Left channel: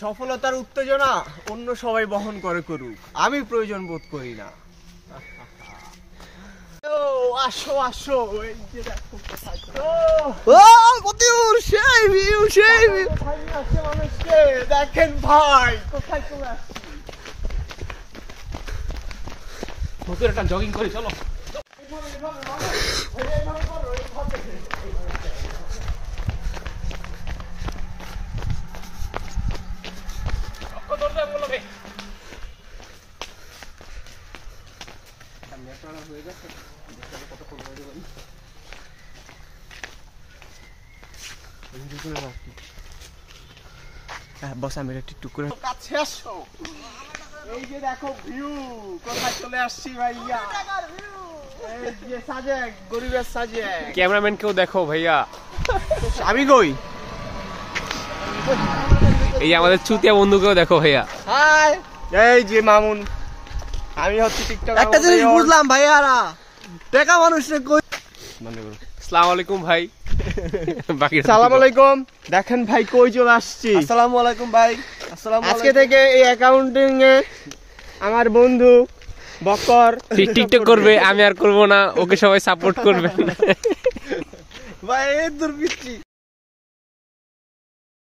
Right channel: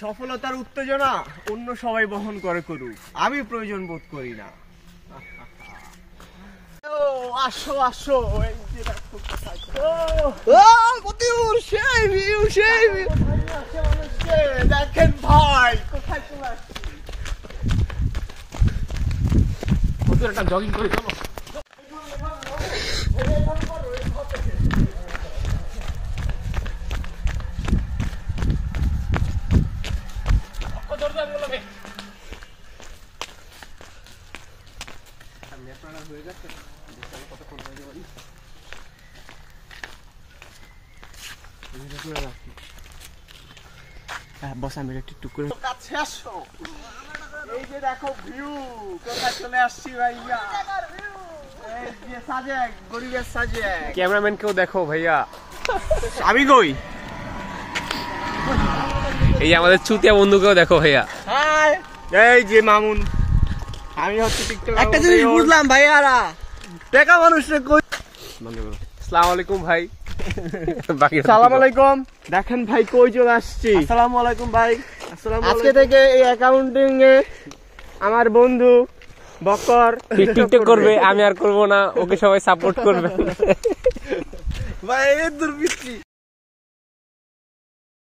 সফলতার উত্তেজনা অন্য সবাই বহন করে করুক, আমি প্রয়োজন বোধ করি না। আসো আসো, এই যে দেখো কোথায় দেখেন ভাই কোথায় চলে আসছে। একটা জগিং করে চলো। বস আমি একটু করে কাছে আসো। এই যে দেখো ভিউ, কোথায় চলে আসছি ভাইয়া। এই যে সাজেক, গরিবের সাজেক। ক্যামেরাম্যান কেউ দেখো ভাইয়া। আমি কই? এই যে আমাদের চুতিয়া বন্ধুকেও দেখো ভাইয়া। হাই, এই যে মামুন। আমি হচ্ছে টিকটক। একটা জিনিস বুঝলাম ভাইয়ারা, টাকা মানুষের কই। বন্ধ করো। আসসালামু আলাইকুম ভাই। বাকি আসসালামু আলাইকুম। দেখেন ভাই কই চলে আসছি। আসসালামু আলাইকুম ভাই। আজকে থেকে এই অ্যাকাউন্টিং এ আমার বন্ধু বকর টিকটক করবে, আমি আর করব না, ওকে সবাই সাপোর্ট করবে। ভাই এই দুর্বৃত্তি।